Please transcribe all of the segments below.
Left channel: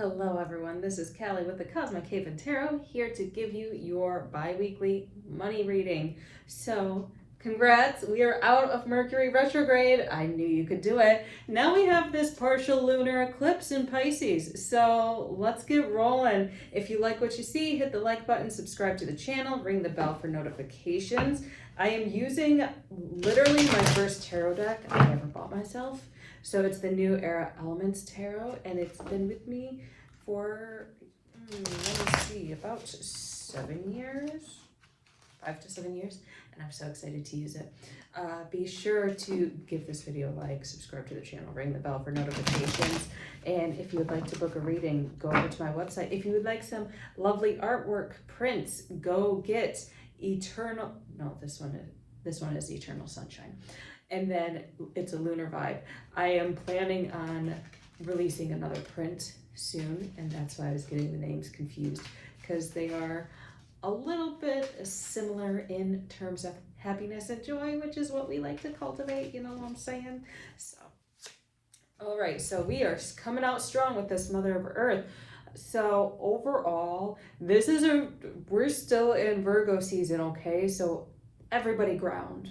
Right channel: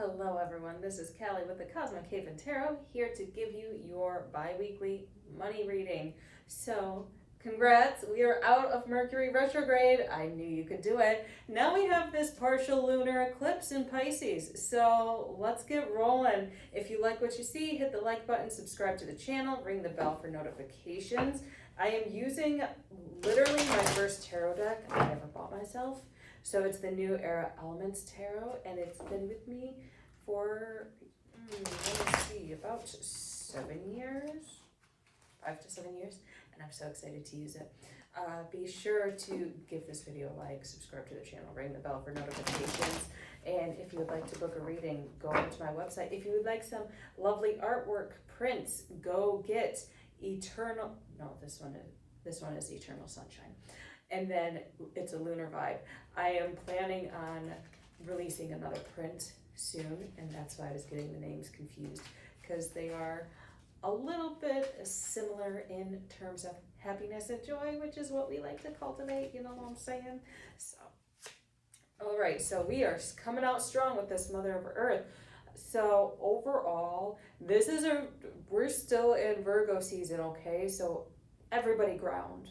Hello everyone, this is Callie with the Cosmic Haven Tarot, here to give you your bi-weekly money reading. So, congrats, we are out of Mercury retrograde. I knew you could do it. Now we have this partial lunar eclipse in Pisces, so let's get rolling. If you like what you see, hit the like button, subscribe to the channel, ring the bell for notifications. I am using literally my first tarot deck I ever bought myself. So it's the New Era Elements Tarot, and it's been with me for, let me see, about 7 years, 5 to 7 years, and I'm so excited to use it. Be sure to give this video a like, subscribe to the channel, ring the bell for notifications, and if you would like to book a reading, go over to my website. If you would like some lovely artwork, prints, go get Eternal, no, this one is Eternal Sunshine. And then it's a lunar vibe. I am planning on releasing another print soon, and that's why I was getting the names confused, because they are a little bit similar in terms of happiness and joy, which is what we like to cultivate, you know what I'm saying? So, all right, so we are coming out strong with this Mother of Earth. So overall, we're still in Virgo season, okay? So everybody ground.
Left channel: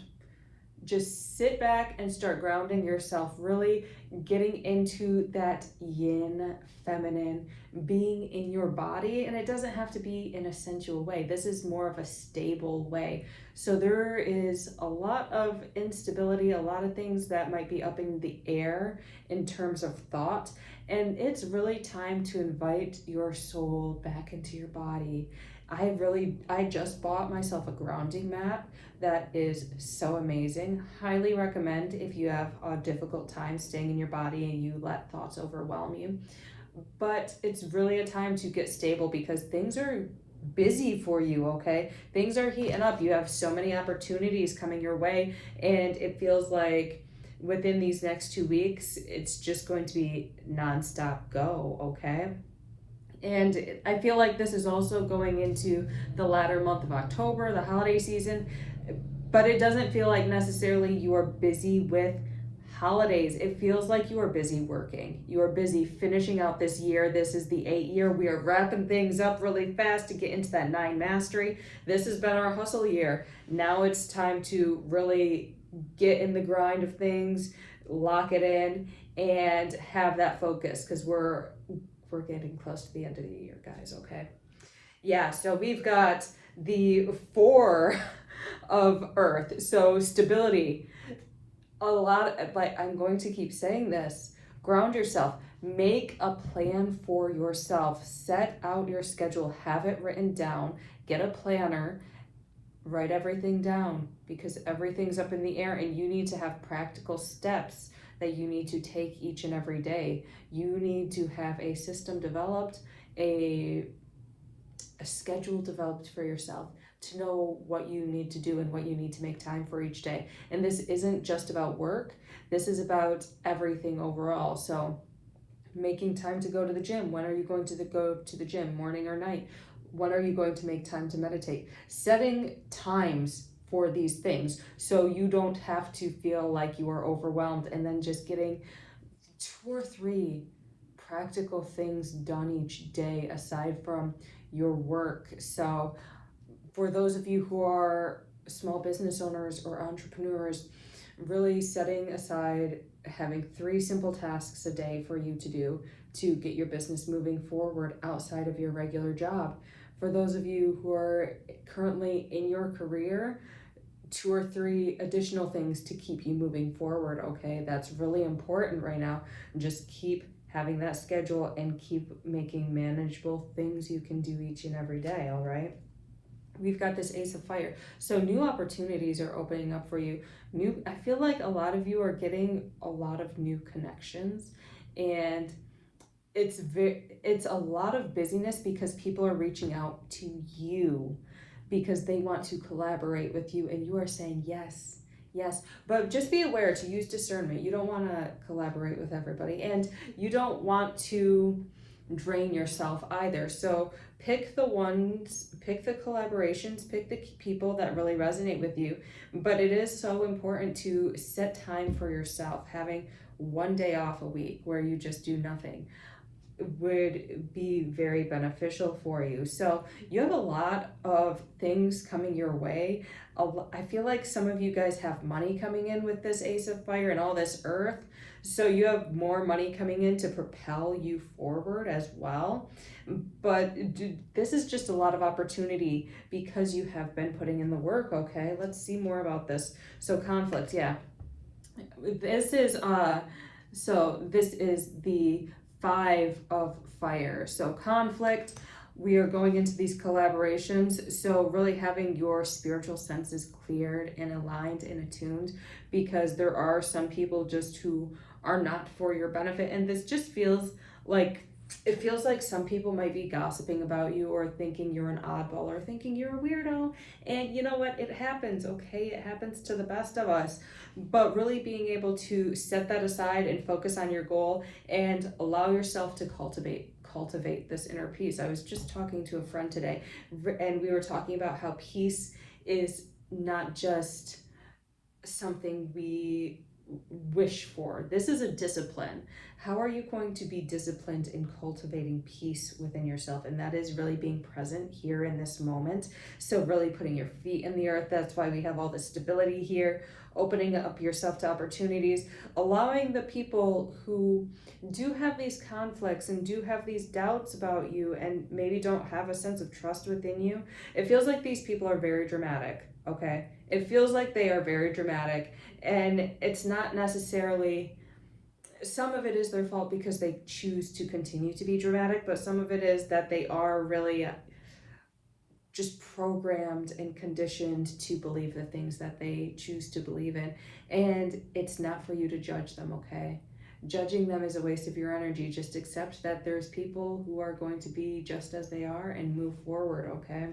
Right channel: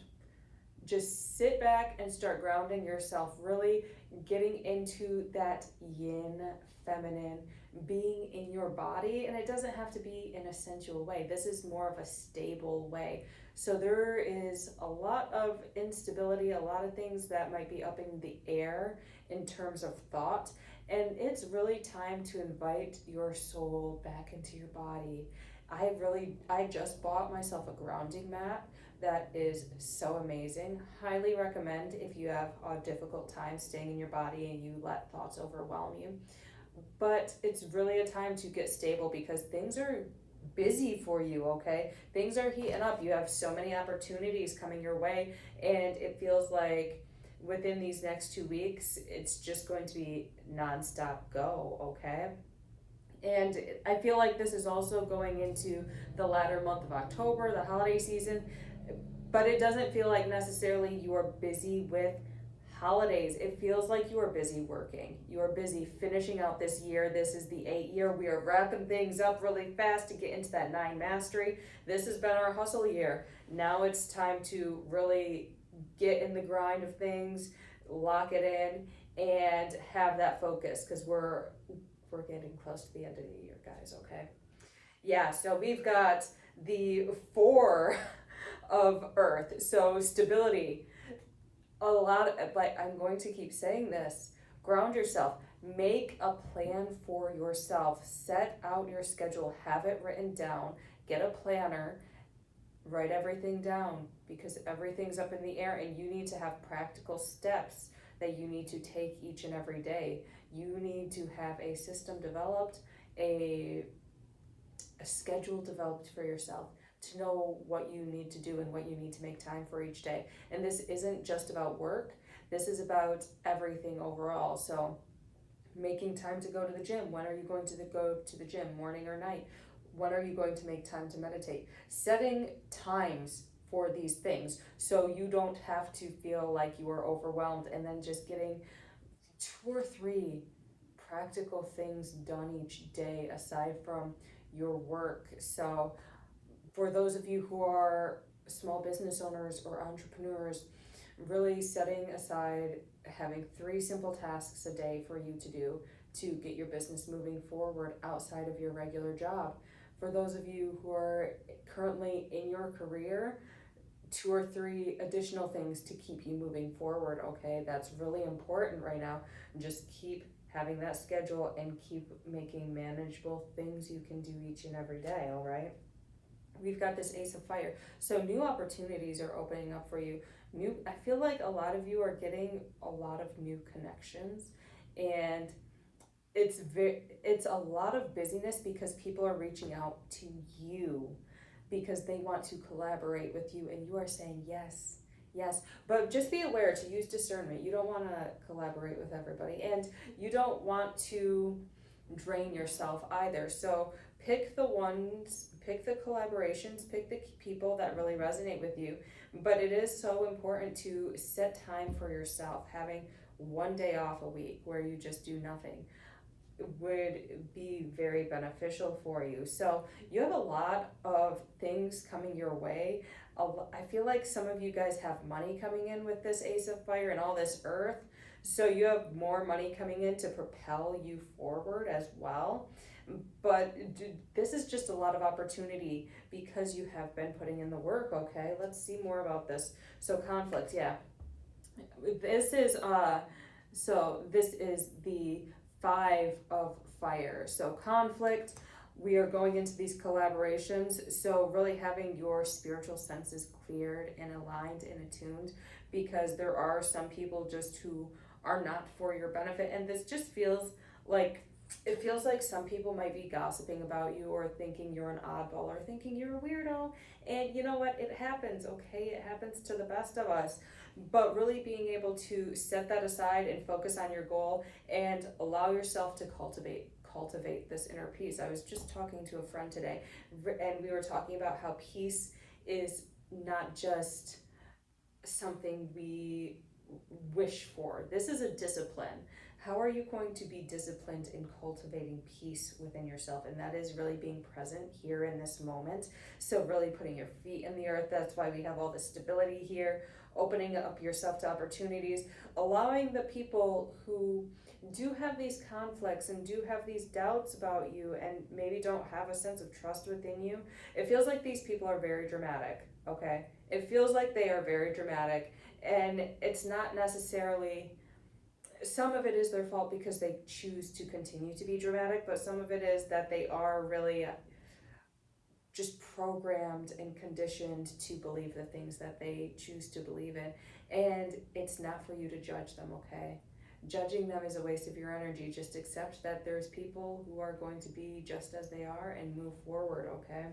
Just sit back and start grounding yourself, really getting into that yin feminine, being in your body. And it doesn't have to be in a sensual way. This is more of a stable way. So there is a lot of instability, a lot of things that might be up in the air in terms of thought. And it's really time to invite your soul back into your body. I just bought myself a grounding mat that is so amazing. Highly recommend if you have a difficult time staying in your body and you let thoughts overwhelm you. But it's really a time to get stable because things are busy for you, okay? Things are heating up. You have so many opportunities coming your way, and it feels like within these next 2 weeks, it's just going to be nonstop go, okay? And I feel like this is also going into the latter month of October, the holiday season, but it doesn't feel like necessarily you are busy with holidays. It feels like you are busy working. You are busy finishing out this year. This is the 8th year. We are wrapping things up really fast to get into that 9 mastery. This has been our hustle year. Now it's time to really get in the grind of things, lock it in, and have that focus, because we're getting close to the end of the year, guys, okay? Yeah, so we've got the 4 of Earth, so stability. A lot of, like, I'm going to keep saying this, ground yourself, make a plan for yourself, set out your schedule, have it written down, get a planner, write everything down, because everything's up in the air and you need to have practical steps that you need to take each and every day. You need to have a system developed, a schedule developed for yourself to know what you need to do and what you need to make time for each day. And this isn't just about work, this is about everything overall. So making time to go to the gym. When are you going to go to the gym, morning or night? When are you going to make time to meditate? Setting times for these things so you don't have to feel like you are overwhelmed, and then just getting 2 or 3 practical things done each day aside from your work. So for those of you who are small business owners or entrepreneurs, really setting aside having 3 simple tasks a day for you to do to get your business moving forward outside of your regular job. For those of you who are currently in your career, 2 or 3 additional things to keep you moving forward, okay? That's really important right now. Just keep having that schedule and keep making manageable things you can do each and every day, all right? We've got this Ace of Fire. So new opportunities are opening up for you. I feel like a lot of you are getting a lot of new connections, and it's a lot of busyness because people are reaching out to you because they want to collaborate with you, and you are saying yes. Yes, but just be aware to use discernment. You don't want to collaborate with everybody, and you don't want to drain yourself either. So pick the collaborations, pick the people that really resonate with you. But it is so important to set time for yourself, having 1 day off a week where you just do nothing. would be very beneficial for you. So you have a lot of things coming your way. I feel like some of you guys have money coming in with this Ace of Fire and all this Earth. So you have more money coming in to propel you forward as well. But this is just a lot of opportunity because you have been putting in the work, okay? Let's see more about this. So conflict, yeah. This is this is the 5 of fire. So conflict, we are going into these collaborations. So really having your spiritual senses cleared and aligned and attuned, because there are some people just who are not for your benefit. And this just feels like, it feels like some people might be gossiping about you or thinking you're an oddball or thinking you're a weirdo. And you know what? It happens, okay? It happens to the best of us. But really being able to set that aside and focus on your goal and allow yourself to cultivate this inner peace. I was just talking to a friend today, and we were talking about how peace is not just something we wish for. This is a discipline. How are you going to be disciplined in cultivating peace within yourself? And that is really being present here in this moment. So really putting your feet in the earth. That's why we have all this stability here, opening up yourself to opportunities, allowing the people who do have these conflicts and do have these doubts about you and maybe don't have a sense of trust within you. It feels like these people are very dramatic, okay? It feels like they are very dramatic, and it's not necessarily, some of it is their fault because they choose to continue to be dramatic, but some of it is that they are really just programmed and conditioned to believe the things that they choose to believe in. And it's not for you to judge them, okay? Judging them is a waste of your energy. Just accept that there's people who are going to be just as they are and move forward, okay?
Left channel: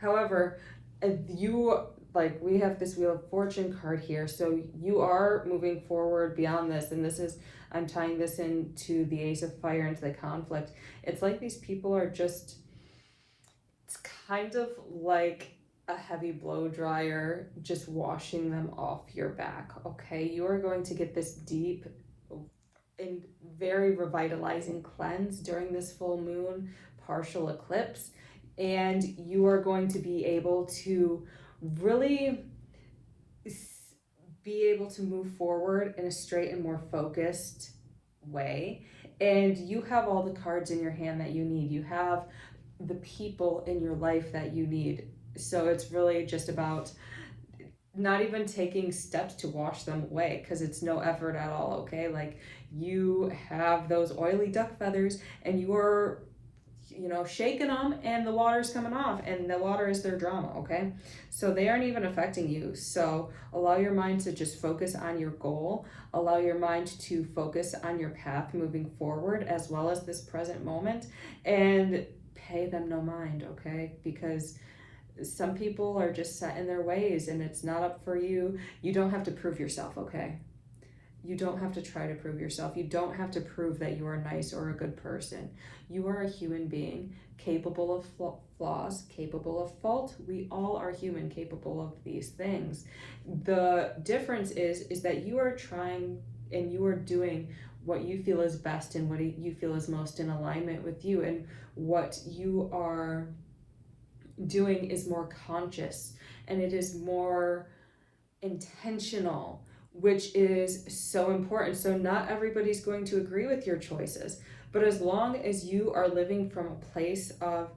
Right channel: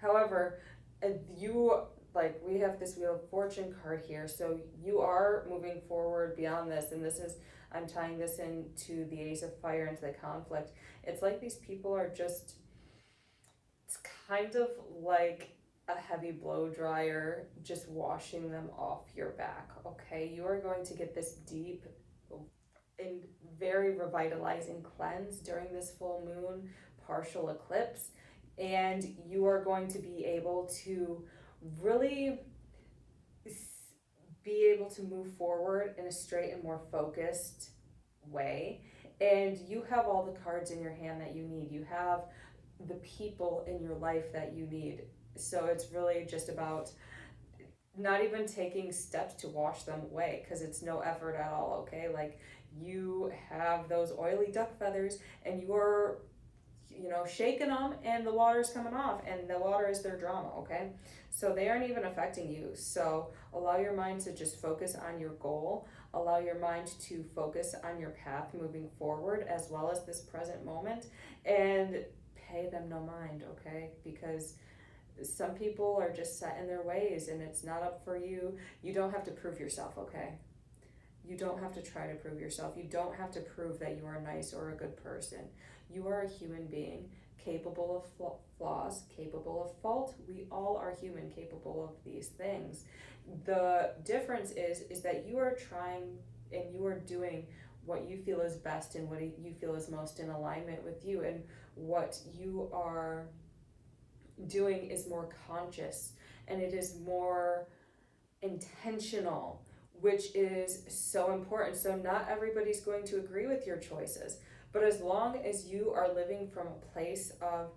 However, if you, like, we have this Wheel of Fortune card here, so you are moving forward beyond this, and this is, I'm tying this into the Ace of Fire, into the conflict. It's like these people are just, it's kind of like a heavy blow dryer just washing them off your back, okay? You are going to get this deep and very revitalizing cleanse during this full moon partial eclipse, and you are going to be able to really be able to move forward in a straight and more focused way. And you have all the cards in your hand that you need. You have the people in your life that you need. So it's really just about not even taking steps to wash them away, because it's no effort at all, okay? Like, you have those oily duck feathers and you are, shaking them, and the water's coming off, and the water is their drama, okay? So they aren't even affecting you. So allow your mind to just focus on your goal, allow your mind to focus on your path moving forward, as well as this present moment, and pay them no mind, okay? Because some people are just set in their ways, and it's not up for you. You don't have to prove yourself, okay? You don't have to try to prove yourself. You don't have to prove that you are nice or a good person. You are a human being, capable of flaws, capable of fault. We all are human, capable of these things. The difference is that you are trying and you are doing what you feel is best and what you feel is most in alignment with you, and what you are doing is more conscious and it is more intentional, which is so important. So not everybody's going to agree with your choices, but as long as you are living from a place of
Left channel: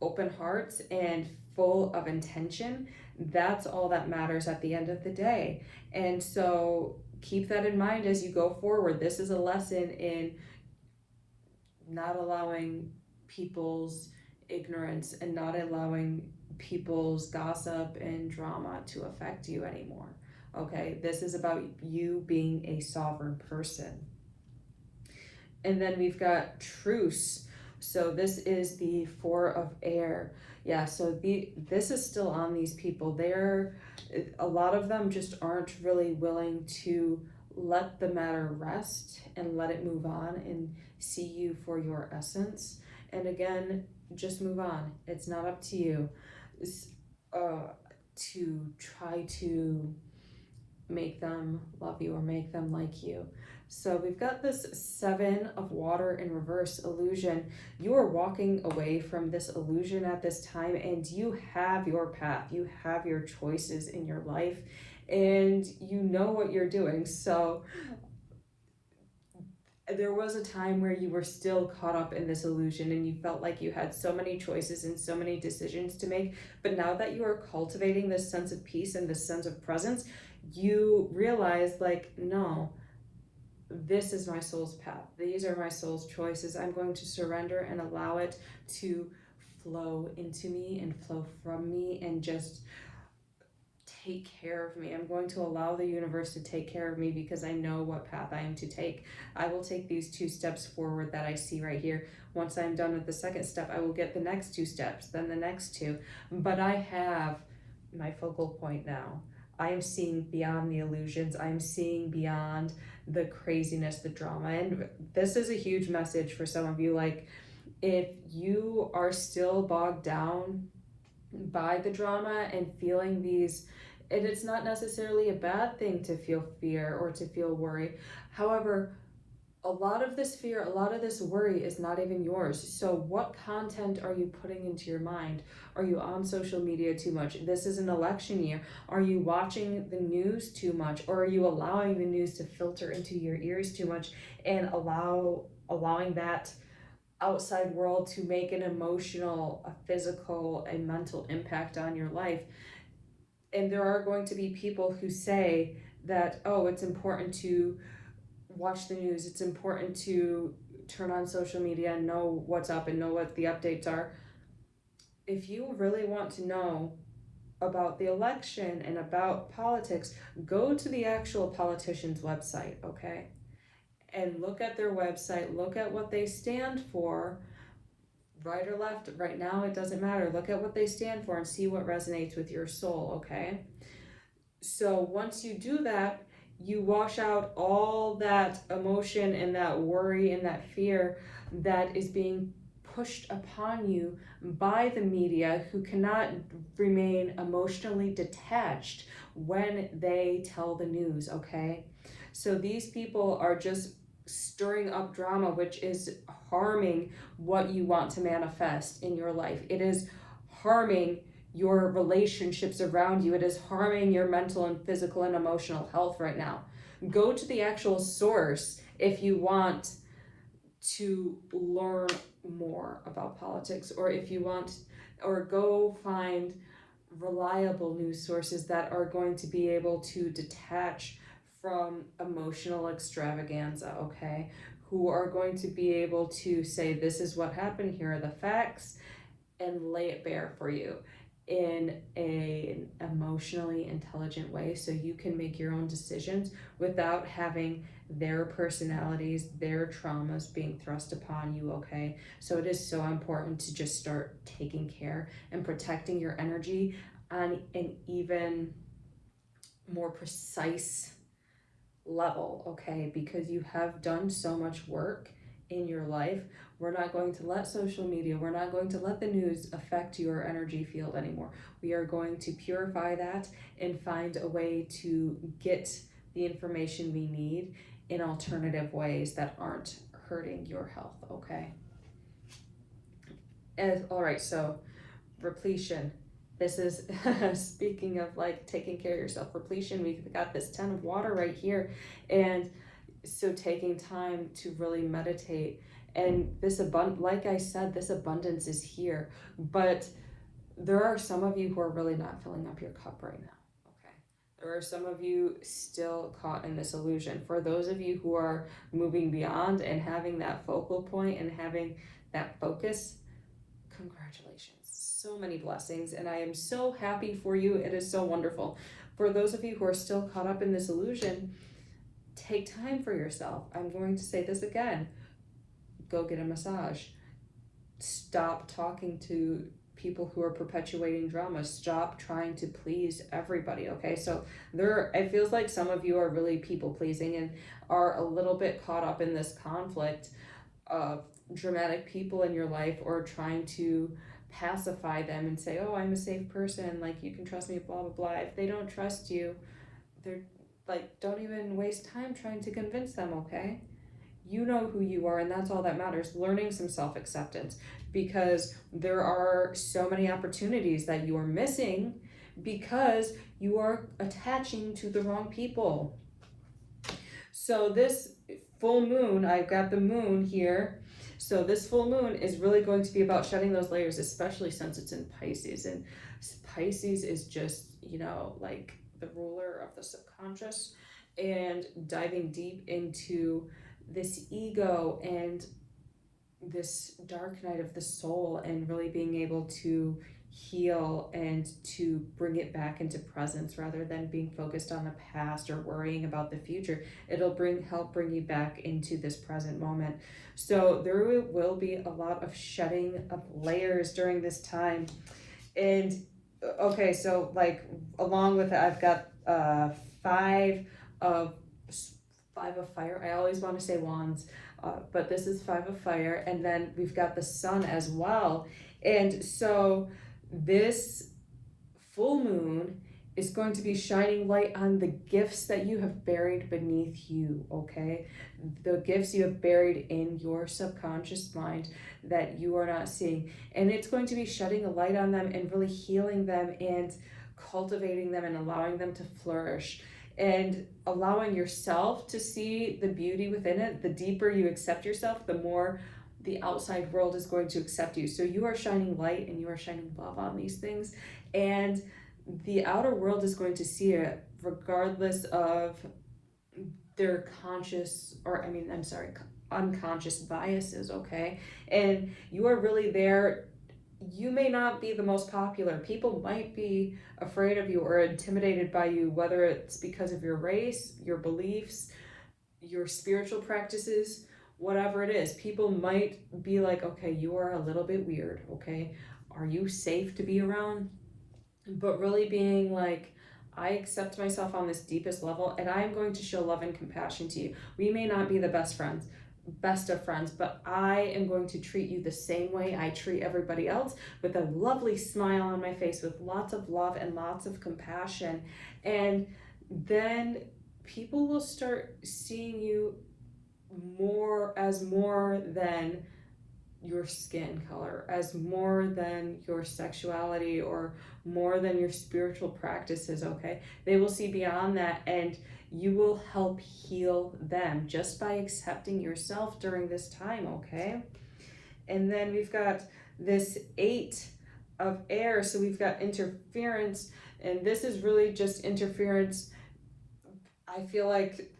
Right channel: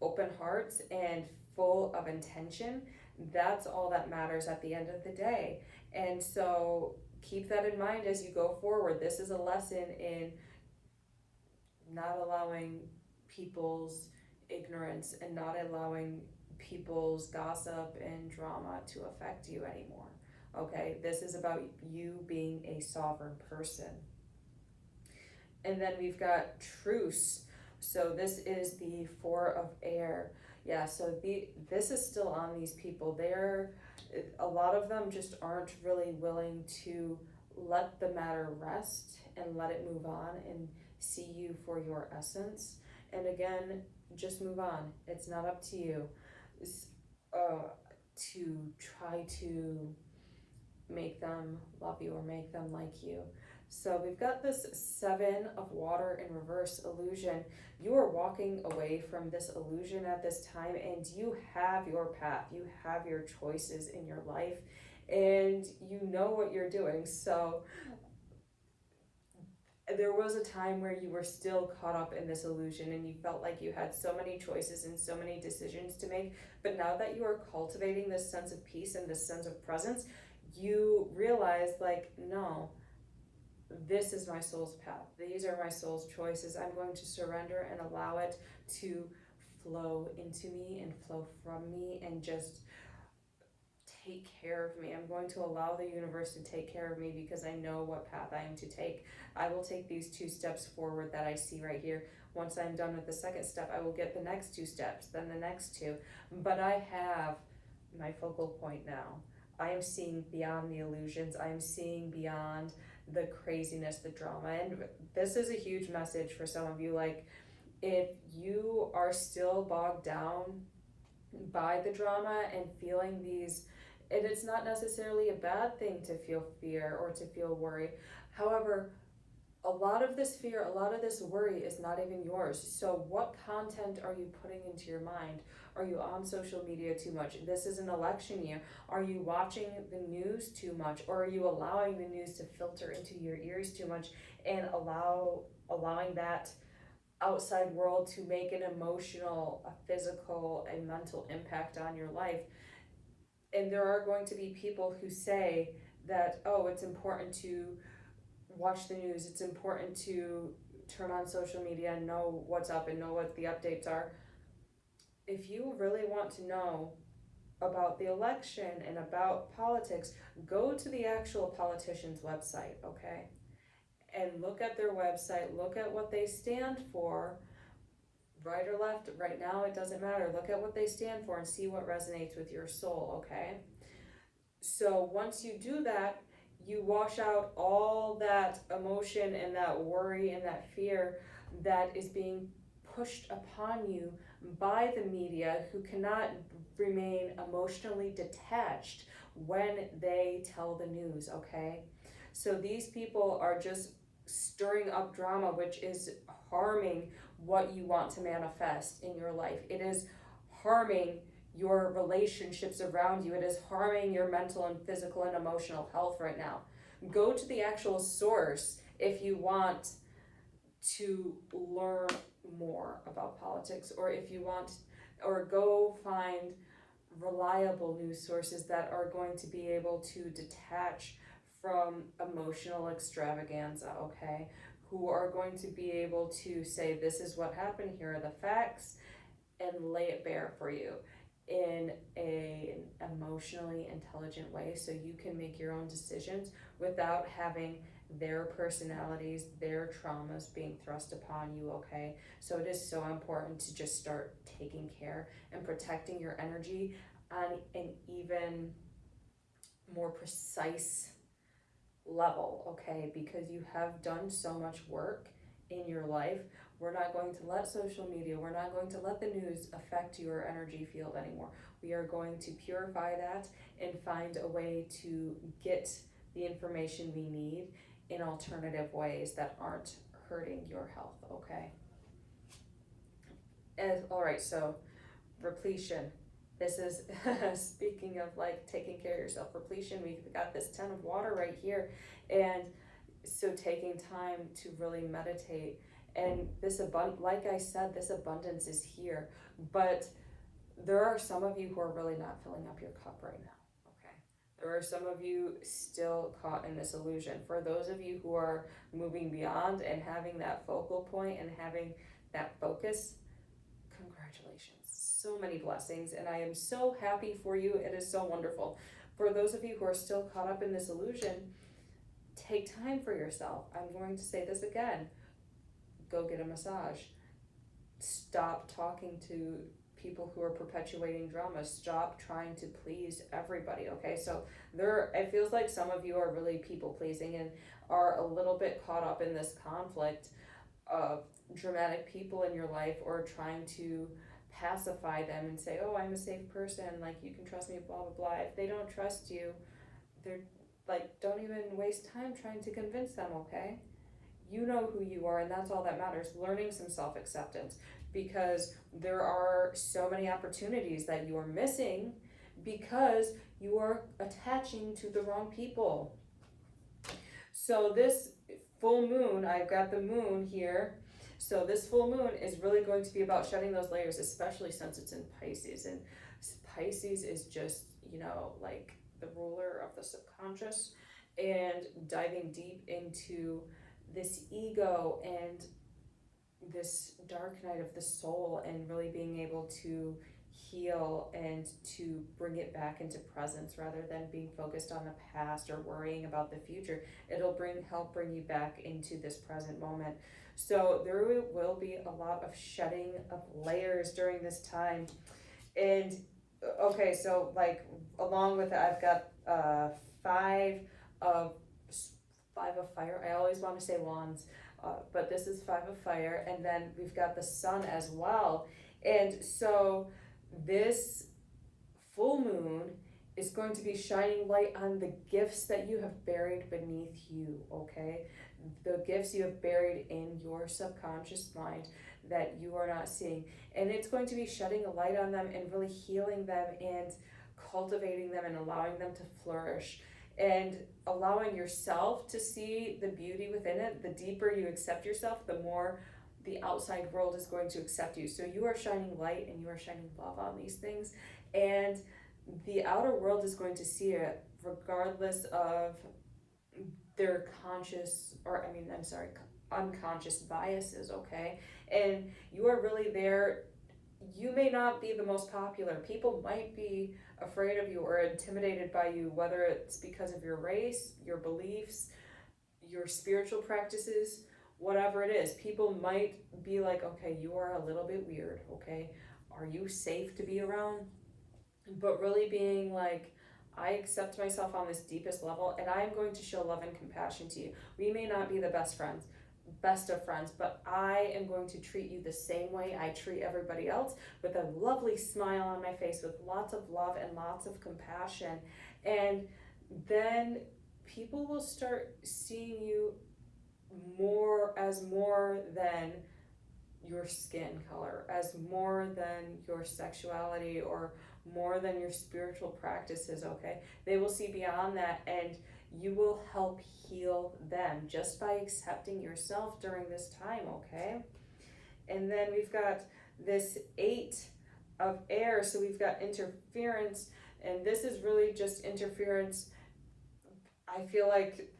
open hearts and full of intention, that's all that matters at the end of the day. And so keep that in mind as you go forward. This is a lesson in not allowing people's ignorance and not allowing people's gossip and drama to affect you anymore. Okay, this is about you being a sovereign person. And then we've got truce. So this is the 4 of air. Yeah, so this is still on these people. A lot of them just aren't really willing to let the matter rest and let it move on and see you for your essence. And again, just move on. It's not up to you to try to make them love you or make them like you. So we've got this Seven of Water in reverse illusion. You are walking away from this illusion at this time, and you have your path. You have your choices in your life, and you know what you're doing. So there was a time where you were still caught up in this illusion and you felt like you had so many choices and so many decisions to make. But now that you are cultivating this sense of peace and this sense of presence, you realize, like, no, this is my soul's path. These are my soul's choices. I'm going to surrender and allow it to flow into me and flow from me and just take care of me. I'm going to allow the universe to take care of me because I know what path I am to take. I will take these 2 steps forward that I see right here. Once I'm done with the second step, I will get the next 2 steps, then the next 2. But I have my focal point now. I am seeing beyond the illusions. I'm seeing beyond the craziness, the drama. And this is a huge message for some of you. Like, if you are still bogged down by the drama and feeling these, and it's not necessarily a bad thing to feel fear or to feel worry. However, a lot of this fear, a lot of this worry is not even yours. So what content are you putting into your mind? Are you on social media too much? This is an election year. Are you watching the news too much? Or are you allowing the news to filter into your ears too much and allowing that outside world to make an emotional, a physical, a mental impact on your life? And there are going to be people who say that, oh, it's important to watch the news, it's important to turn on social media and know what's up and know what the updates are. If you really want to know about the election and about politics, go to the actual politician's website, okay? And look at their website, look at what they stand for, right or left. Right now, it doesn't matter. Look at what they stand for and see what resonates with your soul, okay? So once you do that, you wash out all that emotion and that worry and that fear that is being pushed upon you by the media, who cannot remain emotionally detached when they tell the news, okay? So these people are just stirring up drama, which is harming what you want to manifest in your life. It is harming your relationships around you. It is harming your mental and physical and emotional health right now. Go to the actual source if you want to learn more about politics, or if you want, or go find reliable news sources that are going to be able to detach from emotional extravaganza, okay? Who are going to be able to say, this is what happened, here are the facts, and lay it bare for you in an emotionally intelligent way so you can make your own decisions without having their personalities, their traumas being thrust upon you, okay? So it is so important to just start taking care and protecting your energy on an even more precise level, okay? Because you have done so much work in your life. We're not going to let social media, we're not going to let the news affect your energy field anymore. We are going to purify that and find a way to get the information we need in alternative ways that aren't hurting your health, okay? All right, so repletion. This is speaking of like taking care of yourself, repletion. We've got this 10 of water right here, and so taking time to really meditate, and this like I said, this abundance is here, but there are some of you who are really not filling up your cup right now, okay? There are some of you still caught in this illusion. For those of you who are moving beyond and having that focal point and having that focus, congratulations. So many blessings, and I am so happy for you. It is so wonderful. For those of you who are still caught up in this illusion, take time for yourself. I'm going to say this again. Go get a massage. Stop talking to people who are perpetuating drama. Stop trying to please everybody, okay? So it feels like some of you are really people pleasing and are a little bit caught up in this conflict of dramatic people in your life, or trying to pacify them and say, oh, I'm a safe person, like you can trust me, blah blah blah. If they don't trust you, they're like, don't even waste time trying to convince them, okay? You know who you are, and that's all that matters. Learning some self acceptance, because there are so many opportunities that you are missing because you are attaching to the wrong people. So, this full moon, I've got the moon here. So, this full moon is really going to be about shedding those layers, especially since it's in Pisces. And Pisces is just, like the ruler of the subconscious, and diving deep into this ego and this dark night of the soul, and really being able to heal and to bring it back into presence rather than being focused on the past or worrying about the future. It'll help bring you back into this present moment. So there will be a lot of shedding of layers during this time. And okay, so like along with it, I've got of five of fire. I always want to say wands, but this is five of fire, and then we've got the sun as well. And so this full moon is going to be shining light on the gifts that you have buried beneath you, okay? The gifts you have buried in your subconscious mind that you are not seeing. And it's going to be shedding a light on them and really healing them and cultivating them and allowing them to flourish and allowing yourself to see the beauty within it. The deeper you accept yourself, the more the outside world is going to accept you. So you are shining light and you are shining love on these things, and the outer world is going to see it regardless of their unconscious biases, okay? And you are really there. You may not be the most popular. People might be afraid of you or intimidated by you, whether it's because of your race, your beliefs, your spiritual practices, whatever it is. People might be like, okay, you are a little bit weird, okay? Are you safe to be around? But really being like, I accept myself on this deepest level, and I'm going to show love and compassion to you. We may not be the best of friends, but I am going to treat you the same way I treat everybody else, with a lovely smile on my face, with lots of love and lots of compassion. And then people will start seeing you more than your skin color, as more than your sexuality, or more than your spiritual practices, okay? They will see beyond that, and you will help heal them just by accepting yourself during this time, okay? And then we've got this 8 of air, so we've got interference, and this is really just interference. I feel like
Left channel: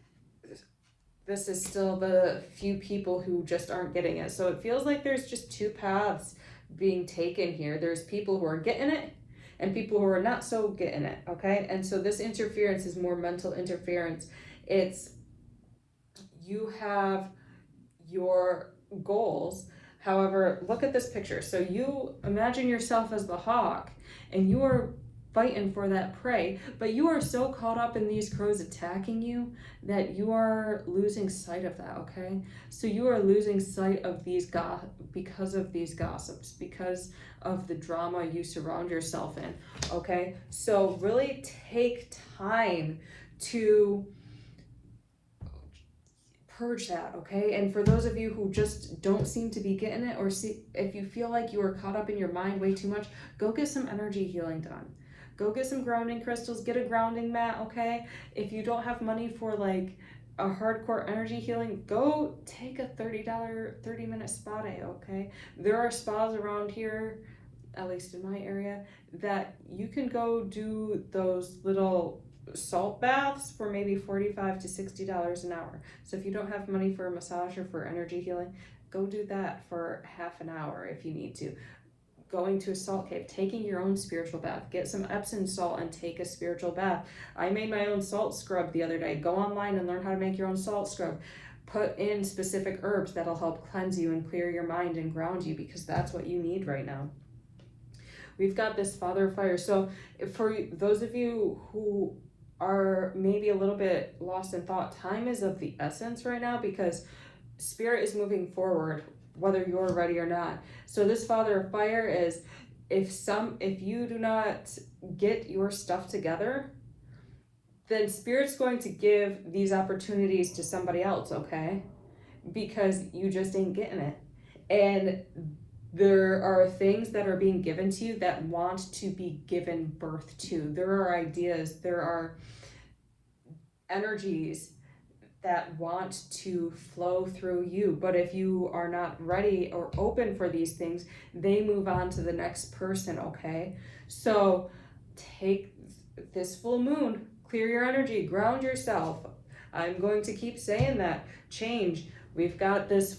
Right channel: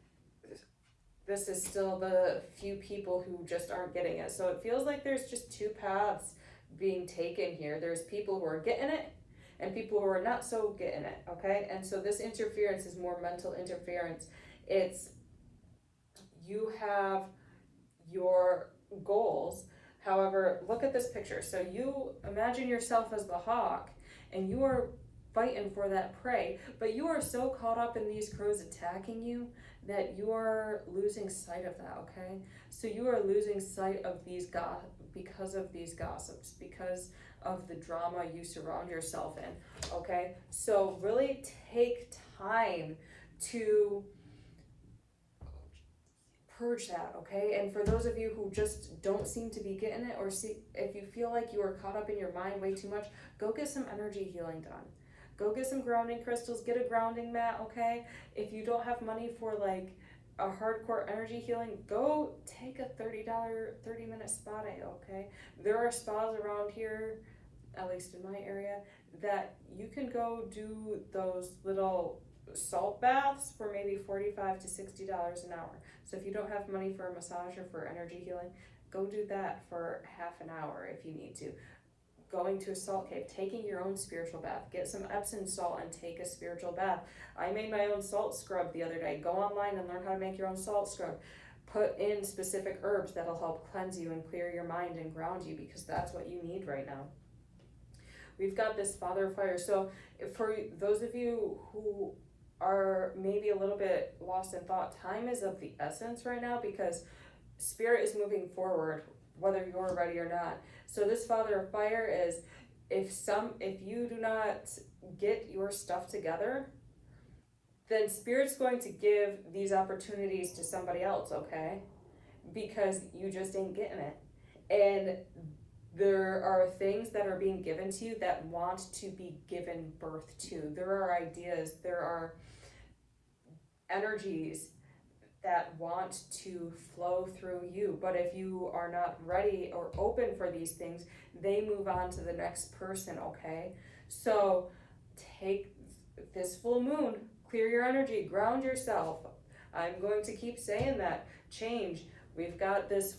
this is still the few people who just aren't getting it. So it feels like there's just two paths being taken here. There's people who are getting it and people who are not so getting it, okay? And so this interference is more mental interference. It's you have your goals. However, look at this picture. So you imagine yourself as the hawk, and you are fighting for that prey, but you are so caught up in these crows attacking you that you are losing sight of that, okay? So you are losing sight of because of these gossips, because of the drama you surround yourself in, okay? So really take time to purge that, okay? And for those of you who just don't seem to be getting it, or see if you feel like you are caught up in your mind way too much, go get some energy healing done. Go get some grounding crystals, get a grounding mat, okay? If you don't have money for like a hardcore energy healing, go take a $30 30-minute spa day, okay? There are spas around here, at least in my area, that you can go do those little salt baths for maybe $45 to $60 an hour. So if you don't have money for a massage or for energy healing, go do that for half an hour if you need to. Going to a salt cave, taking your own spiritual bath, get some Epsom salt and take a spiritual bath. I made my own salt scrub the other day. Go online and learn how to make your own salt scrub. Put in specific herbs that'll help cleanse you and clear your mind and ground you, because that's what you need right now. We've got this Father of Fire. So for those of you who are maybe a little bit lost in thought, time is of the essence right now, because Spirit is moving forward whether you're ready or not. So this Father of Fire is, if you do not get your stuff together, then Spirit's going to give these opportunities to somebody else, okay? Because you just ain't getting it. And there are things that are being given to you that want to be given birth to. There are ideas, there are energies that want to flow through you. But if you are not ready or open for these things, they move on to the next person, okay? So take this full moon, clear your energy, ground yourself. I'm going to keep saying that. Change. We've got this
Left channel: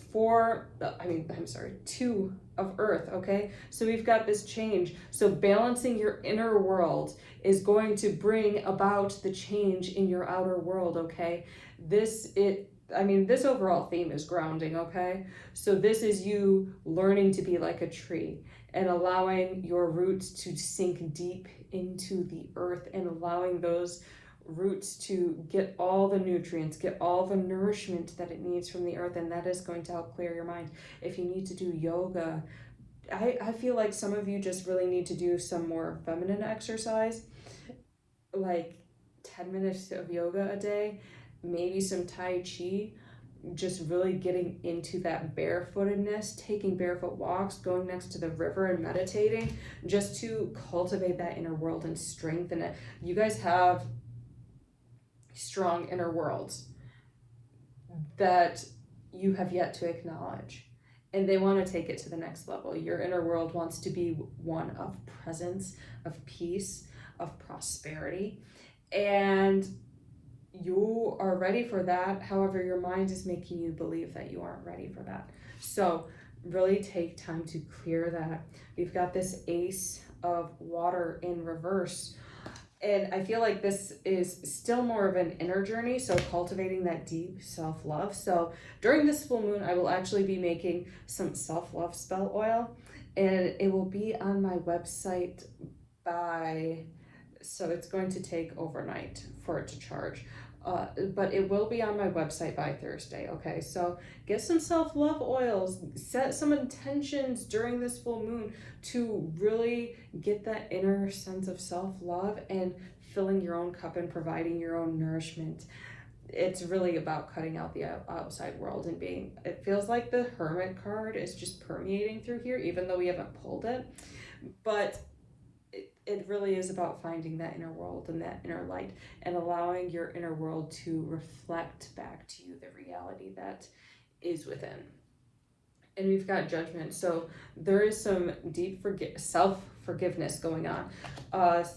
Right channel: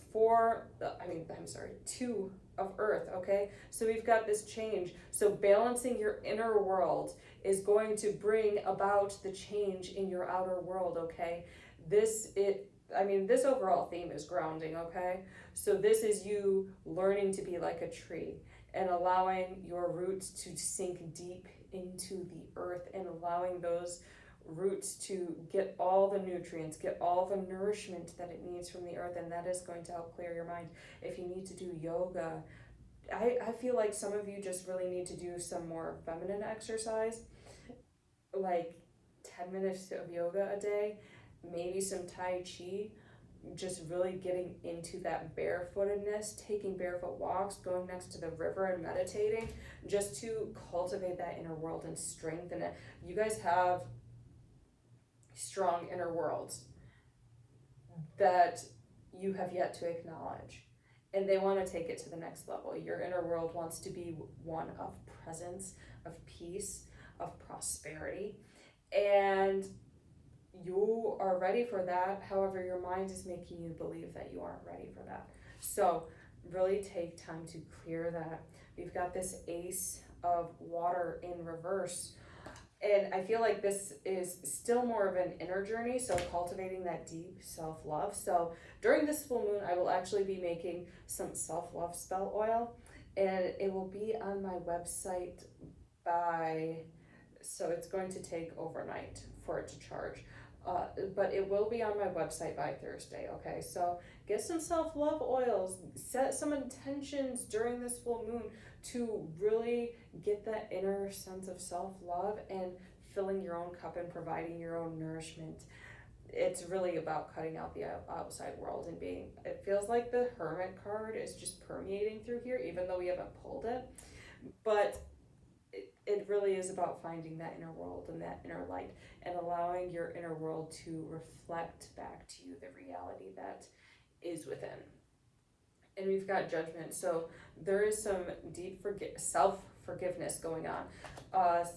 two of earth, okay? So we've got this change. So balancing your inner world is going to bring about the change in your outer world, okay? This overall theme is grounding, okay? So this is you learning to be like a tree and allowing your roots to sink deep into the earth and allowing those roots to get all the nutrients, get all the nourishment that it needs from the earth, and that is going to help clear your mind. If you need to do yoga, I feel like some of you just really need to do some more feminine exercise, like 10 minutes of yoga a day, maybe some Tai Chi, just really getting into that barefootedness, taking barefoot walks, going next to the river and meditating, just to cultivate that inner world and strengthen it. You guys have strong inner worlds that you have yet to acknowledge. And they want to take it to the next level. Your inner world wants to be one of presence, of peace, of prosperity. And you are ready for that. However, your mind is making you believe that you aren't ready for that. So really take time to clear that. We've got this Ace of Water in reverse. And I feel like this is still more of an inner journey, so cultivating that deep self-love. So during this full moon, I will actually be making some self-love spell oil, and it will be on my website so it's going to take overnight for it to charge. But it will be on my website by Thursday, okay? So get some self-love oils, set some intentions during this full moon to really get that inner sense of self-love and filling your own cup and providing your own nourishment. It's really about cutting out the outside world and it feels like the Hermit card is just permeating through here, even though we haven't pulled it. But it really is about finding that inner world and that inner light and allowing your inner world to reflect back to you the reality that is within. And we've got Judgment. So there is some deep self-forgiveness going on.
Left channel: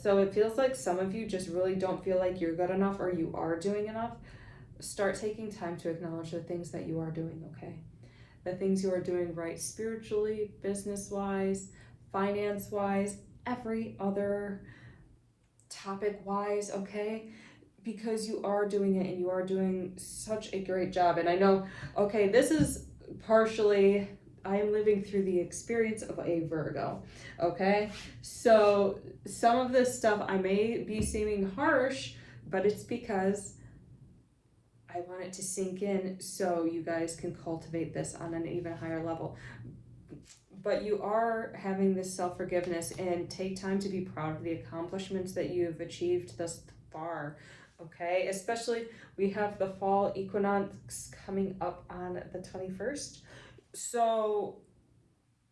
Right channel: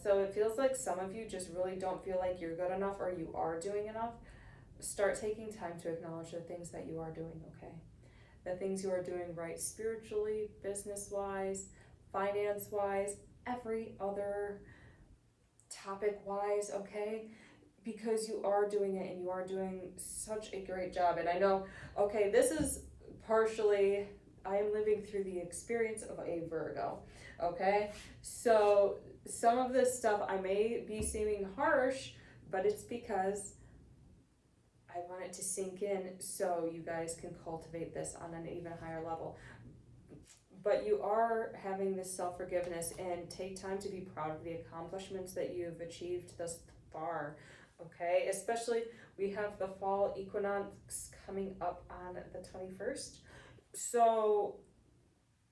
So it feels like some of you just really don't feel like you're good enough or you are doing enough. Start taking time to acknowledge the things that you are doing, okay? The things you are doing right spiritually, business-wise, finance-wise, every other topic wise, okay? Because you are doing it and you are doing such a great job. And I know, okay, this is partially, I am living through the experience of a Virgo, okay? So some of this stuff I may be seeming harsh, but it's because I want it to sink in so you guys can cultivate this on an even higher level. But you are having this self-forgiveness, and take time to be proud of the accomplishments that you've achieved thus far, okay? Especially, we have the fall equinox coming up on the 21st. So,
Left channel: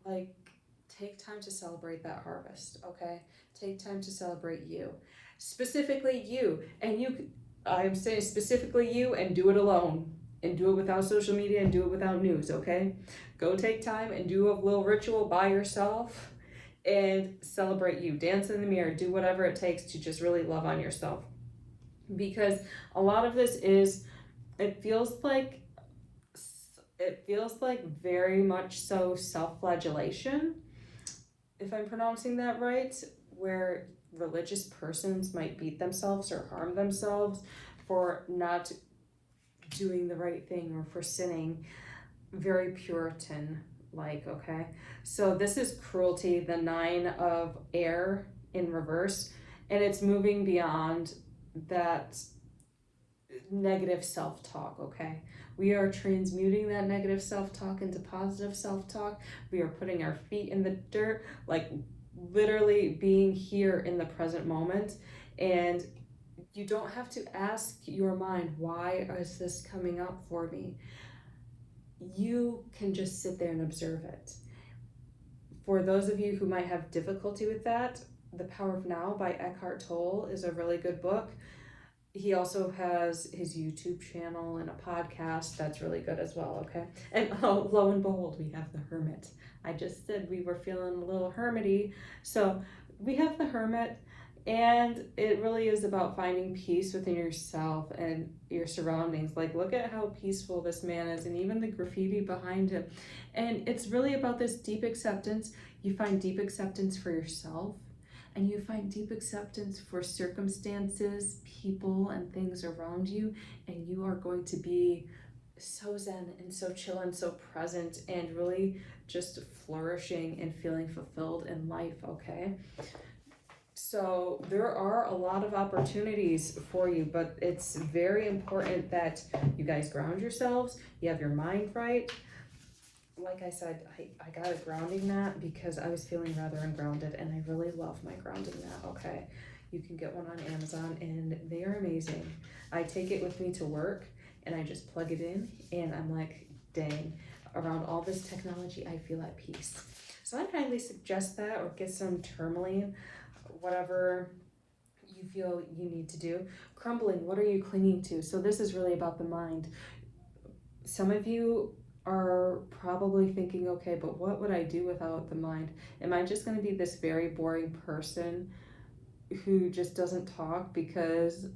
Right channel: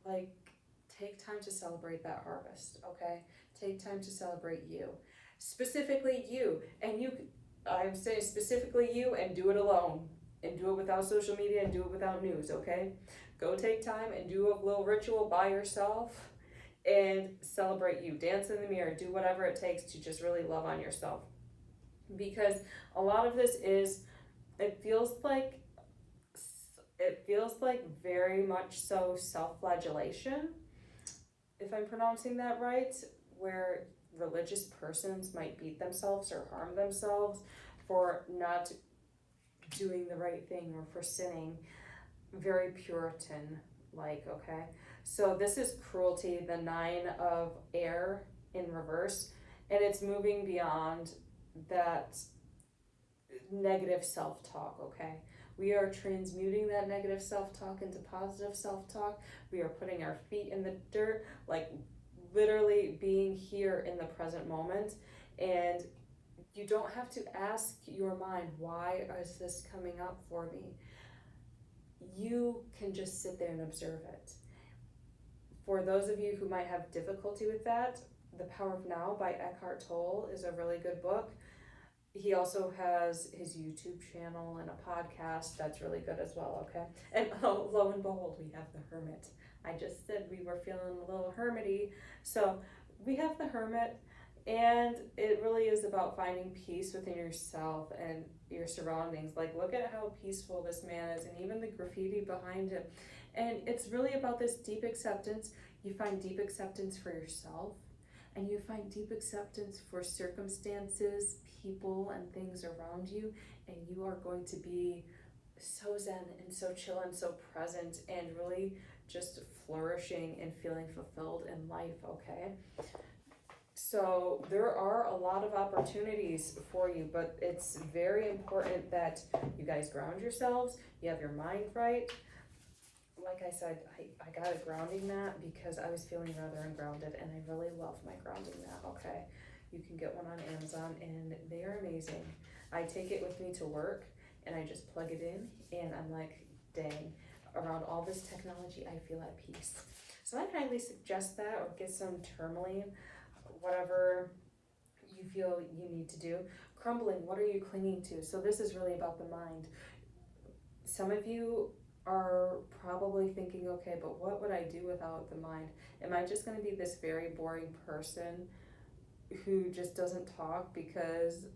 like, take time to celebrate that harvest, okay? Take time to celebrate you. Specifically you, and I'm saying specifically you, and do it alone. And do it without social media and do it without news, okay? Go take time and do a little ritual by yourself and celebrate you. Dance in the mirror, do whatever it takes to just really love on yourself. Because a lot of this it feels like very much so self-flagellation, if I'm pronouncing that right, where religious persons might beat themselves or harm themselves for not doing the right thing or for sinning. Very Puritan like, okay? So this is cruelty, the 9 of air in reverse, and it's moving beyond that negative self-talk, okay? We are transmuting that negative self-talk into positive self-talk. We are putting our feet in the dirt, like literally being here in the present moment, and You don't have to ask your mind, why is this coming up for me? You can just sit there and observe it. For those of you who might have difficulty with that, The Power of Now by Eckhart Tolle is a really good book. He also has his YouTube channel and a podcast that's really good as well, okay? And oh, lo and behold, we have The Hermit. I just said we were feeling a little hermity. So we have The Hermit, and it really is about finding peace within yourself and your surroundings. Like, look at how peaceful this man is, and even the graffiti behind him. And it's really about this deep acceptance. You find deep acceptance for yourself, and you find deep acceptance for circumstances, people, and things around you, and you are going to be so zen and so chill and so present and really just flourishing and feeling fulfilled in life, okay? So there are a lot of opportunities for you, but it's very important that you guys ground yourselves, you have your mind right. Like I said, I got a grounding mat because I was feeling rather ungrounded, and I really love my grounding mat, okay? You can get one on Amazon, and they are amazing. I take it with me to work, and I just plug it in, and I'm like, dang, around all this technology, I feel at peace. So I highly suggest that, or get some tourmaline, whatever you feel you need to do. Crumbling, what are you clinging to? So this is really about the mind. Some of you are probably thinking, okay, but what would I do without the mind? Am I just going to be this very boring person who just doesn't talk because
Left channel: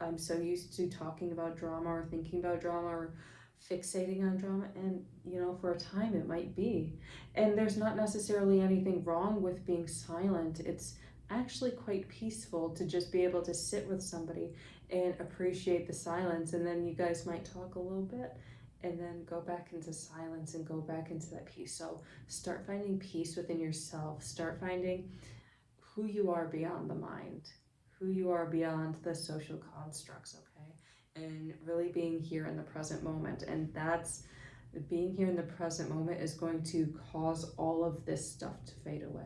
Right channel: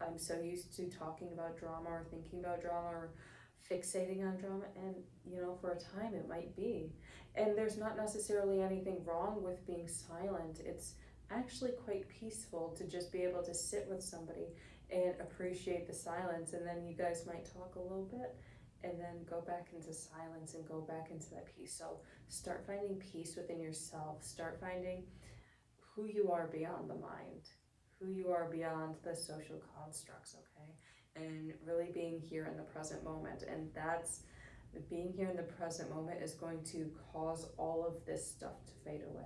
I'm so used to talking about drama or thinking about drama or fixating on drama? And you know, for a time it might be. And there's not necessarily anything wrong with being silent. It's actually quite peaceful to just be able to sit with somebody and appreciate the silence, and then you guys might talk a little bit and then go back into silence and go back into that peace. So start finding peace within yourself. Start finding who you are beyond the mind, who you are beyond the social constructs, okay? And really being here in the present moment. And that's, being here in the present moment is going to cause all of this stuff to fade away.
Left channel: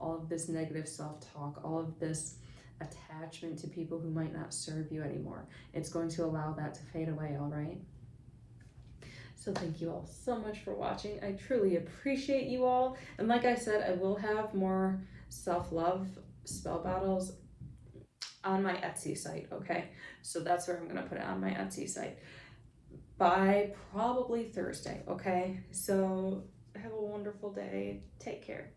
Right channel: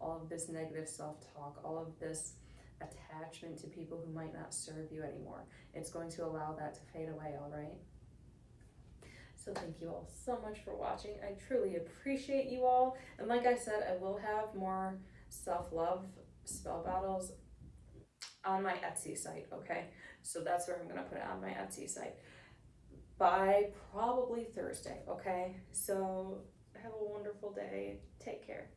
All of this negative self-talk, all of this attachment to people who might not serve you anymore. It's going to allow that to fade away, all right? So thank you all so much for watching. I truly appreciate you all. And like I said, I will have more self-love spell battles on my Etsy site, okay? So that's where I'm gonna put it, on my Etsy site, by probably Thursday, okay? So have a wonderful day. Take care.